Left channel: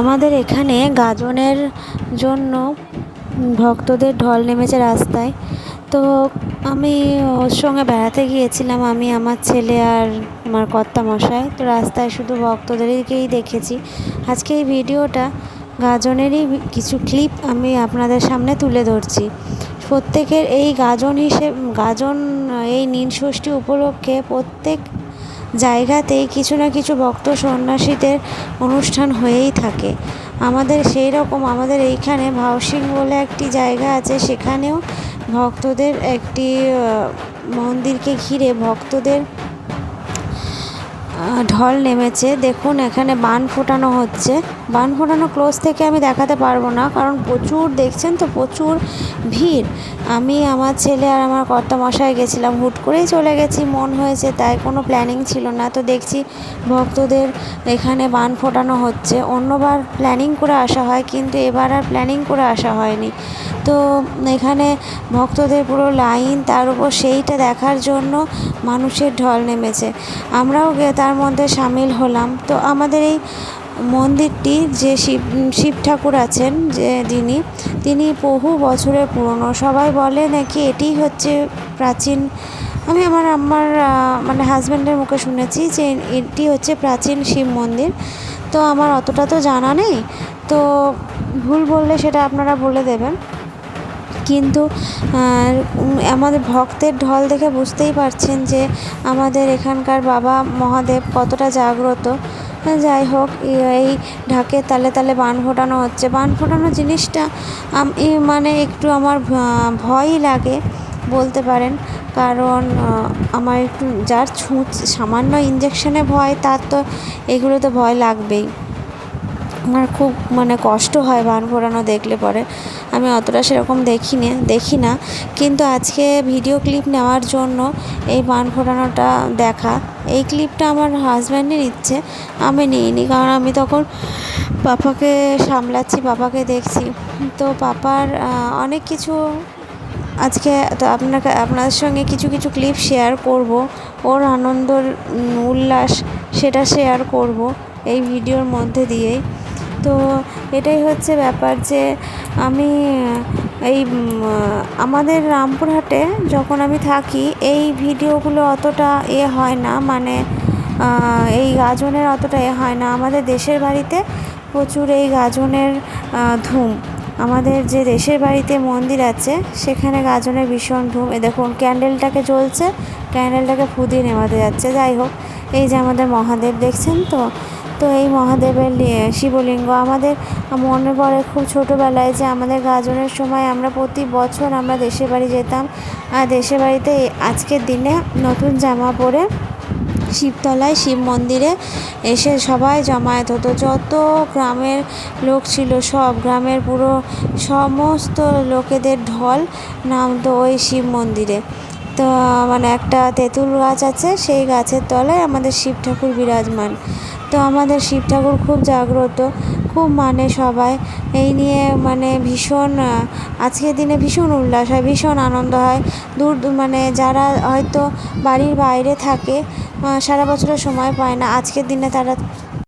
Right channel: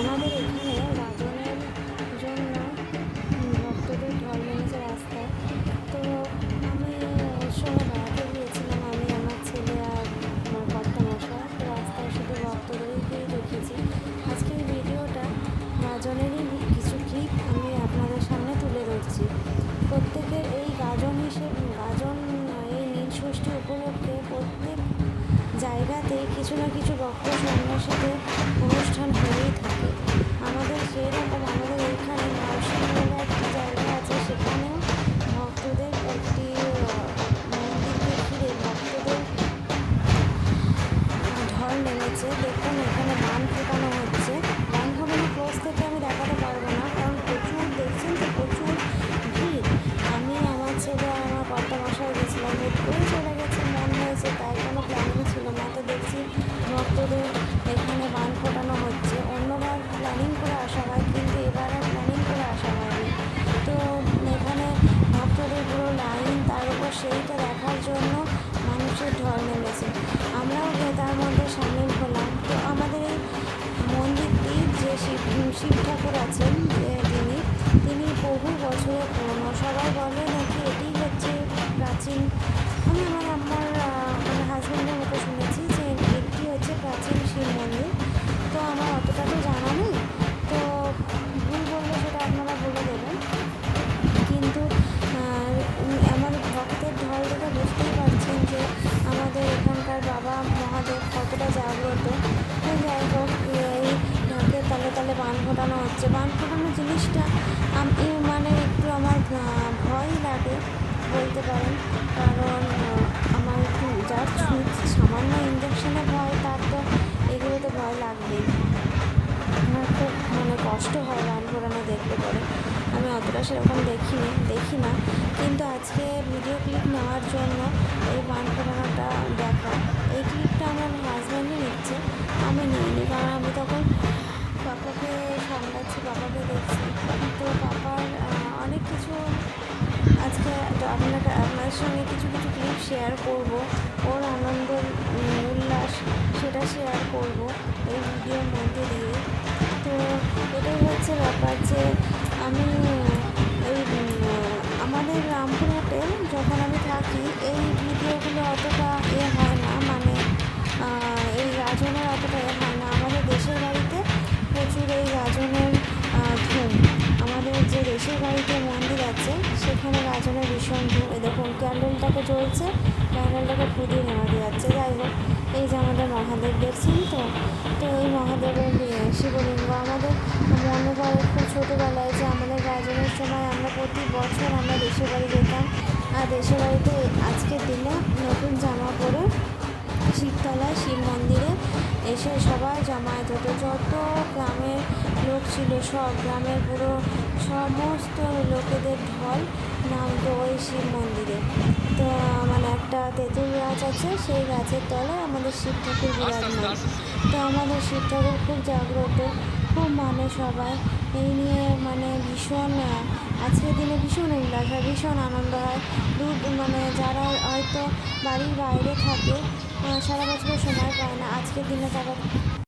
আমাদের এখানে গাজনের জন্য ভক্তদের ঢল নেমেছে রাস্তায়। তো আমি ওর সঙ্গে বেড়াতে গিয়েছিলাম, আমি, আমার ছেলে আর আমার কর্তামশাই। তো রাস্তায় শুধু ভক্তদেরকেই দেখেছি। আজকে এই ভিডিওটা গাজনেরই কিছু ক্লিপ আমি আপনাদের সামনে তুলে ধরছি। প্রত্যেকের এই গাজন এই নীল ষষ্ঠী উপলক্ষে প্রত্যেক জায়গাতেই কিছু না কিছু ভক্ত সন্ন্যাসীদের অনুষ্ঠান হয়েই থাকে। আমাদের সেই রকম আমাদের এইখানে ভাওসিং বলে একটি জায়গা আছে, সেখানেও ভক্তদের একটি মন্দিরকে ঘিরে ভক্তদের ঢল নেমেছে। দেখুন এখানে বান ফোটানো হচ্ছে। বান ফোটানো ক্লোজ থেকে আমি দেখাতে পারবো না, কারণ প্রচুর, দেখছেন তো, প্রচুর ভিড়। আমি, আমার ছেলে আর আমার কর্তামশাই গেছিলাম, হুট করেই চলে গেছি, মন হয়েছে তাই, কোনো প্ল্যানিং ছিল না। তো দেখছি ভক্তদের এখানে বান ফোটানো হচ্ছে। অন্যবার প্ল্যানিং করে আসা হয়, কিন্তু এবার আর প্ল্যানিং করে আসা হয়নি। তো এখানে ভক্তদের পুরো লাইন, তার উপর সেইটা দেখার জন্য মানুষের ঢল নেমেছে। আমরাও তার মধ্যে সামিল হলাম। তো আমাদের এই মন্দিরটি যে শিব ঠাকুর আছেন, যে তিনি বহু বছরের পুরনো। সবাই বলে নাকি এটি হচ্ছে প্রাচীন, আমি আমার মানে হাজব্যান্ডের মুখে শুনেছি যে এটি হচ্ছে প্রাচীন শিব মন্দির। তো আমার অতটা তো জানা নেই, তো ভুল বললে সেটা আপনারা বলে দেবেন। কিন্তু আমাদের ভক্তের ঢল দেখে বুঝতেই পারছেন যে আমাদের এখানকার বাবা মহাদেব কতটা জাগ্রত। যাই হোক, এই ঢাকের তালে তালে বান ফোটানো হচ্ছে। বান ফোটানো জিনিসটা মানে একটু আমার ভয়ই লাগে বলতে পারেন, কারণ আমার একটু যার সামান্য ইঞ্জেকশনে ভয়, তার তো এগুলোতে ভয় লাগবেই। আমার খুব মানে কষ্ট হয় বান ফোটানো দেখলে পরে। আমি অতটা সেরকম দেখি না, কিন্তু আজকে ভিডিও ক্লিপ নেওয়ার জন্য এই বান ফোটানোটা দেখা, এই ক্লিপটা আমার হাজব্যান্ডের ইচ্ছে, আমি নিইনি, কারণ আমি তখন পাপাকে সামলাচ্ছি, পাপাকে দেখছি। তো পাপার অনেক কিছু আজকে তো আপনাদের সঙ্গে কিছু কিছু ক্লিপ শেয়ার করব, ওর আনন্দর উল্লাস সেটা শেয়ার করব এই ভিডিওর মধ্যে দিয়েই। তো এটাই হচ্ছে ব্যাপার যে আমি এই আমাদের রামপুরহাটে যখন আমি থাকি, এই ভিডিওগুলো অতটা হয় না, মানে এই গাজনের অতটা হয় না। আমাদের দেশের বাড়িতে প্রচুর এই গাজনের ধুম। আমাদের যে দেশের বাড়িতে মন্দির আছে সেখানে গাজনের ভীষণ ধুম। এ দেখুন ক্যান্ডেলটাকে জ্বলছে, ক্যান্ডেলটাকে ফু দিয়ে নেভাতে যাচ্ছে। যাই হোক, এই যে আমাদের মহাদেব দেখছেন তো, তো এই মহাদেবের শিবলিঙ্গ আমাদের মনে পড়ে খুব ছোটোবেলায় যে আমাদের গাজনের সময় আমরা প্রতি বছর আমরা দেশের বাড়ি যেতাম, আর দেশের বাড়িতে আজকের দিনে নতুন জামা পরে শিবতলায় শিব মন্দিরে এসে সবাই জমায়েত হতো। যত গ্রামের লোক ছিল, সব গ্রামের পুরো সমস্ত লোকেদের ঢল নামতো ওই শিব মন্দিরে। তো মানে একটা তেঁতুল গাছ আছে, সেই গাছের তলায় আমাদের শিব ঠাকুর বিরাজমান। তো আমাদের শিব ঠাকুর খুব জাগ্রত, খুব মানে সবাই এই নিয়ে মানে ভীষণ, আজকের দিনে ভীষণ উল্লাস হয়, ভীষণ আনন্দ হয়। মানে যারা হয়তো বাড়ির বাইরে থাকে, সারা বছরের সময় পায় না, আজকের দিনে তারা